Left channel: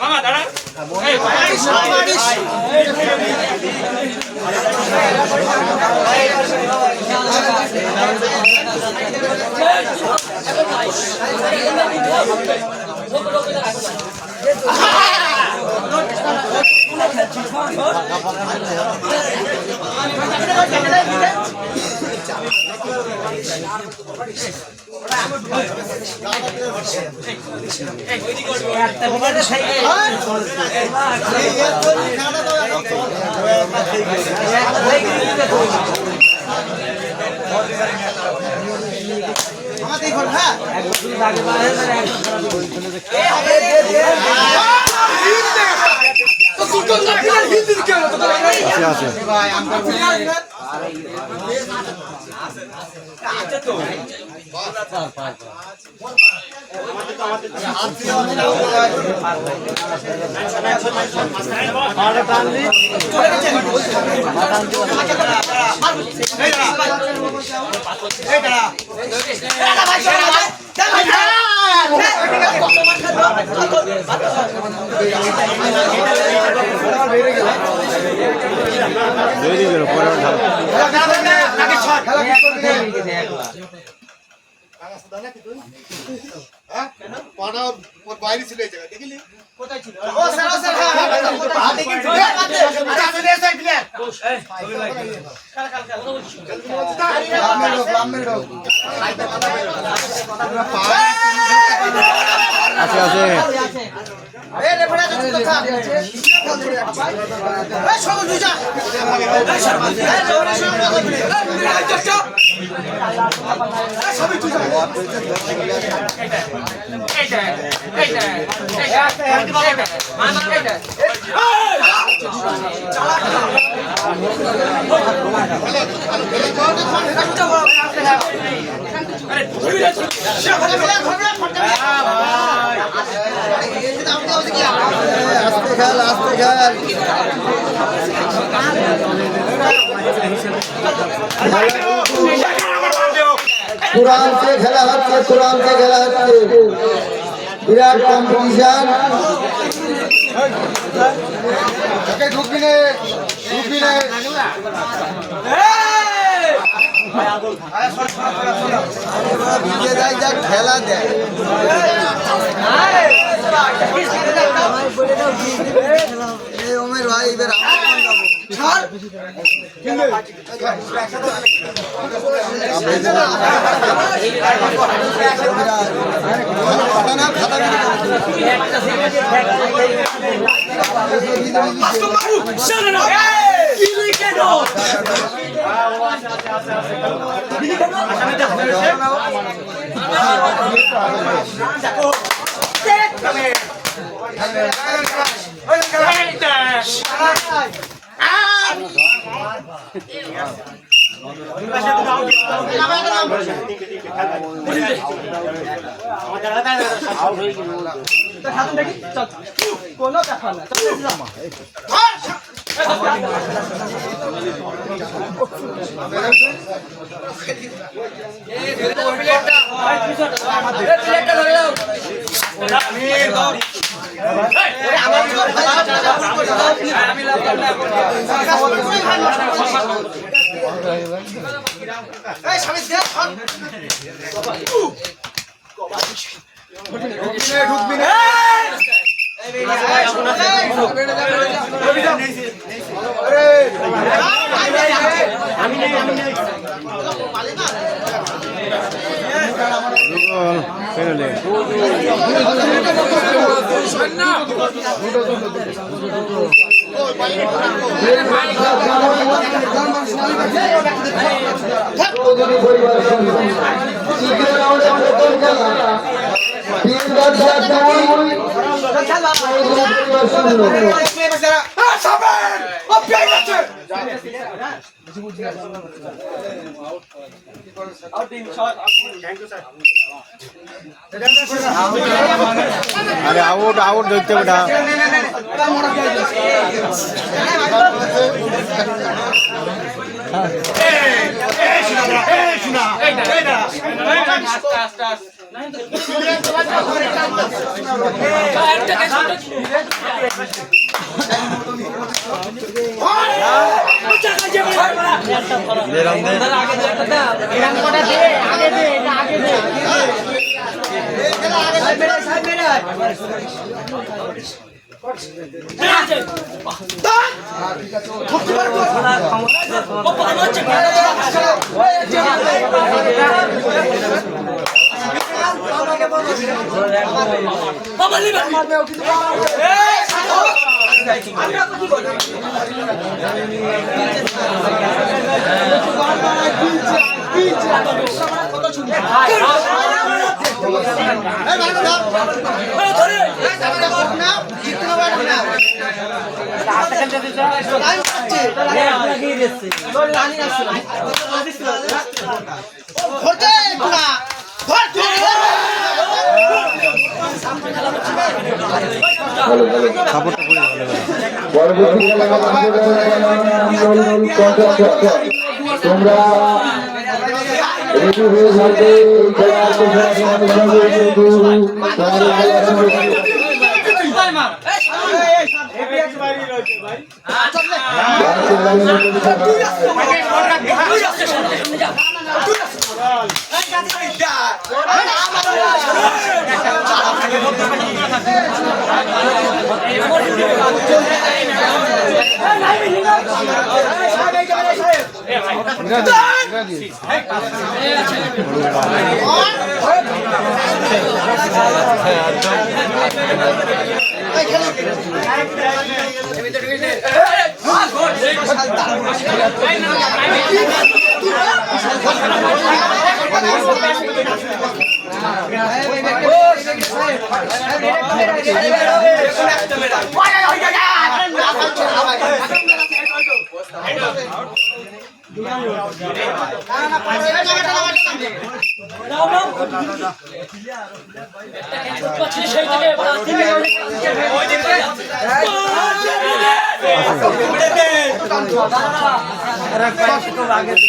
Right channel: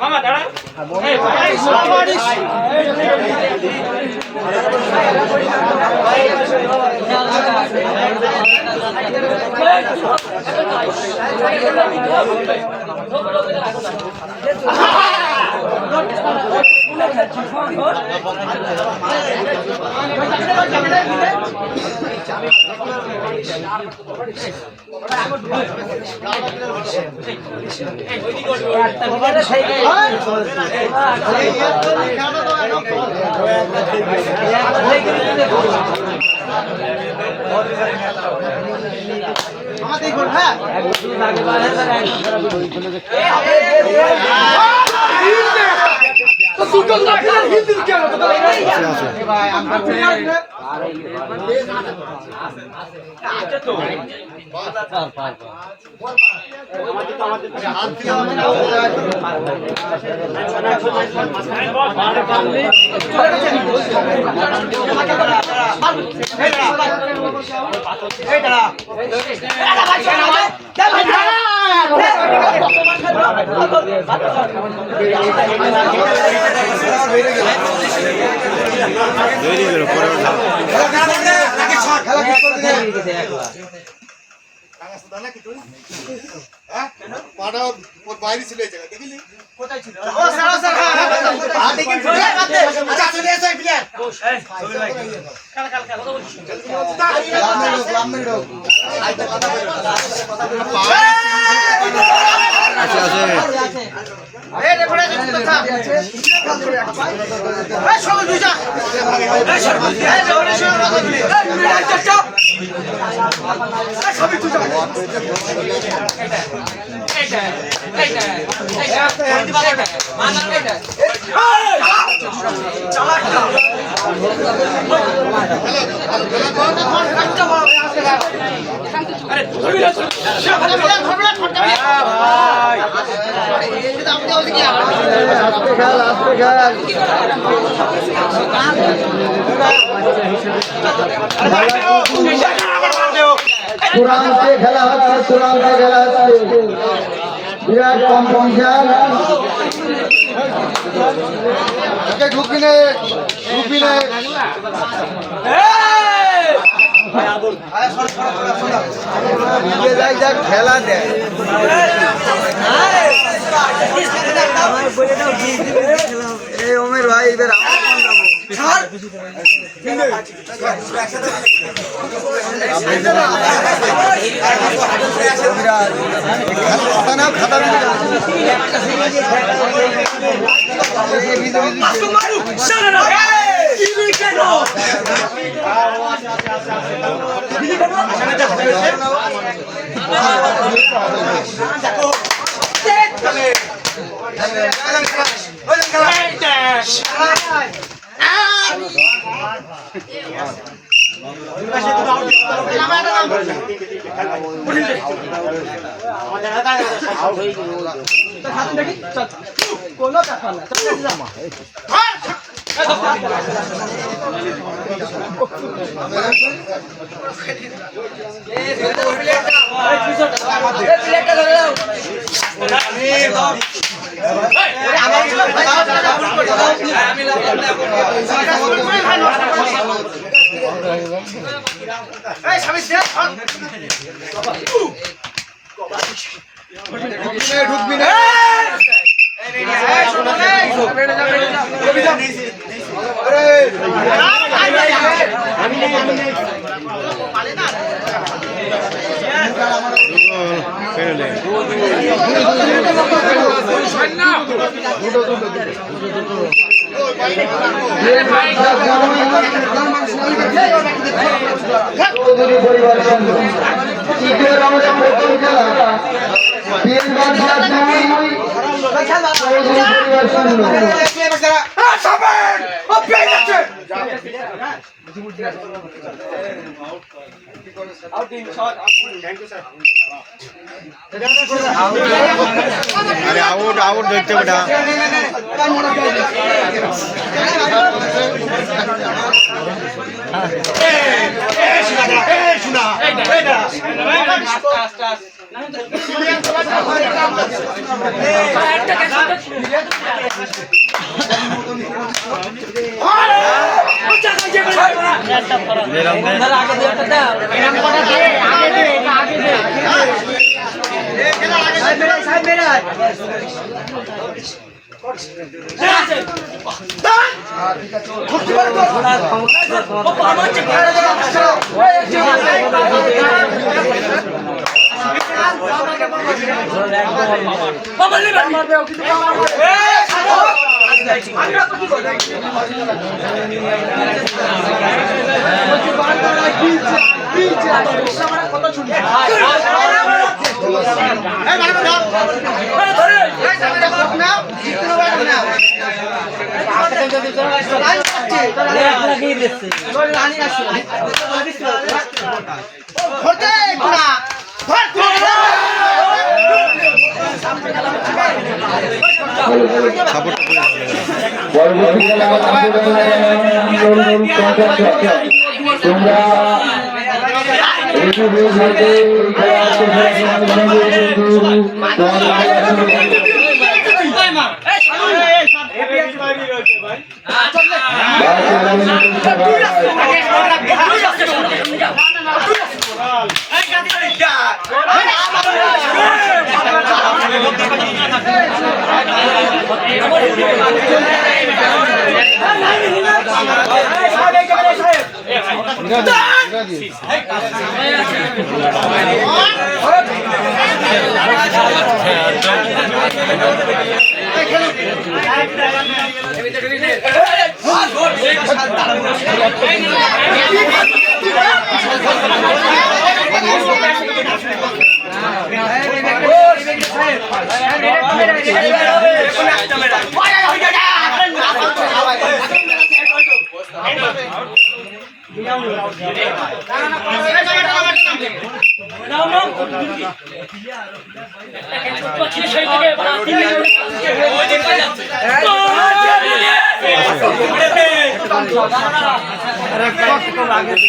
মামা দাঁড়া বাইরে ছিল এই জায়গা দেখলি কোথায় ছিল ও স্যার স্যার হ্যাঁ দেখেন আচ্ছা চলে এসে ক্লিয়ার কাল কাল কাল কথা বলছি লাম্বে লোক আচ্ছা আছে এ রেফারে কথা এ সব দুইটা এ সব সবই দুইটা আস্তে খেল আস্তে খেল কোরআন সে খেলা হচ্ছে কোরআন সে খেলা হচ্ছে বিরাট কম্পিটিশন ঢুকবি নে ঢুকবি নে খেলা দেয় ওমের ভাই এবার খাতা কোনো ব্যাপার না ঢুকবি না চৌধুরী পরিবার সঙ্গে তৃতীয় রাউন্ড প্রথম খেলা তিন বাদশা দুই চৌধুরী পরিবার সঙ্গে আউট দেখতে বেটা পরবর্তী খেলা তোমরা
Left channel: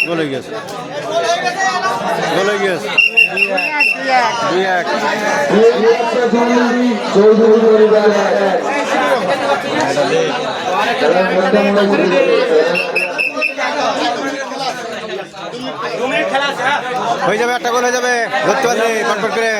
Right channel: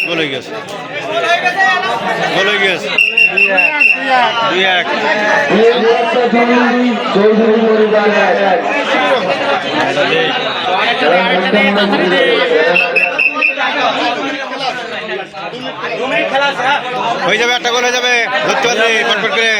বলে গেছে হয়ে যাবে, একটা গোল হয়ে যাবে, ধরতে পারবে পটপট করে।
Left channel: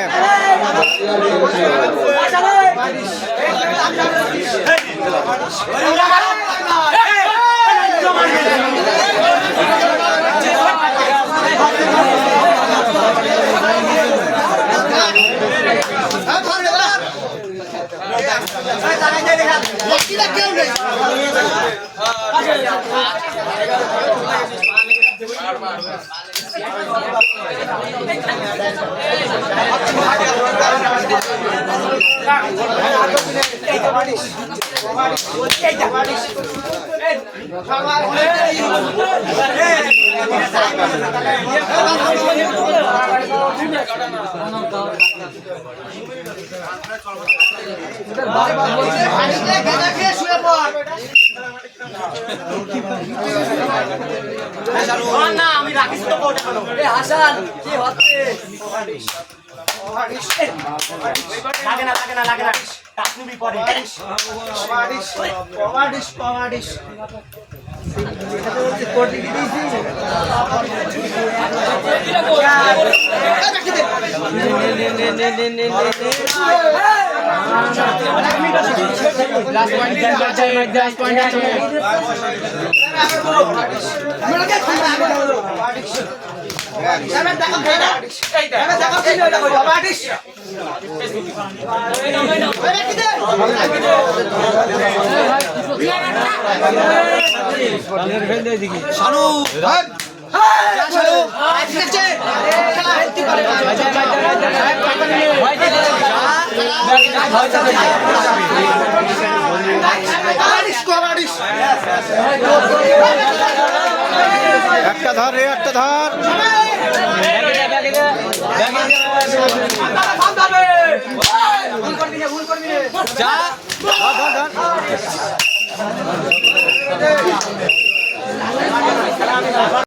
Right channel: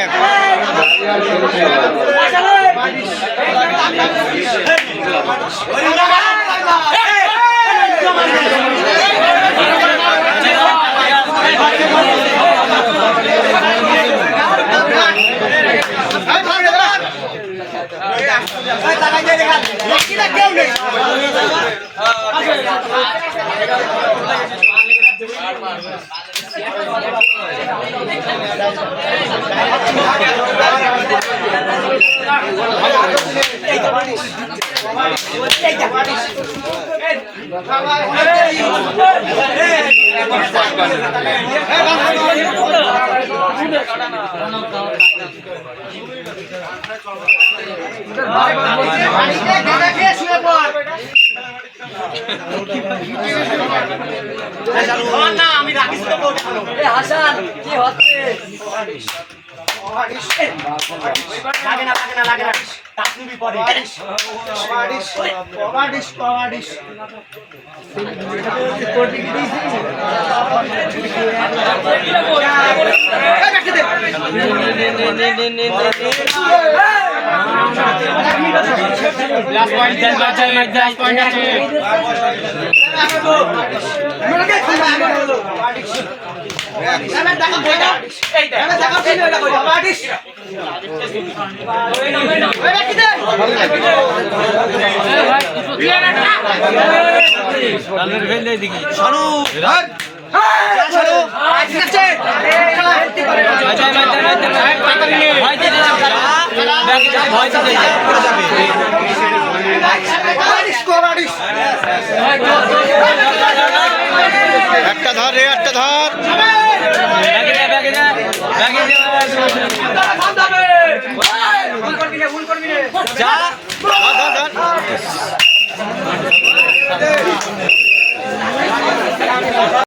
আমি রাখিস তো হাসান কি হচ্ছে লাগে না তাকবি পরে কোটি একটা ধর রে, একটা ধর।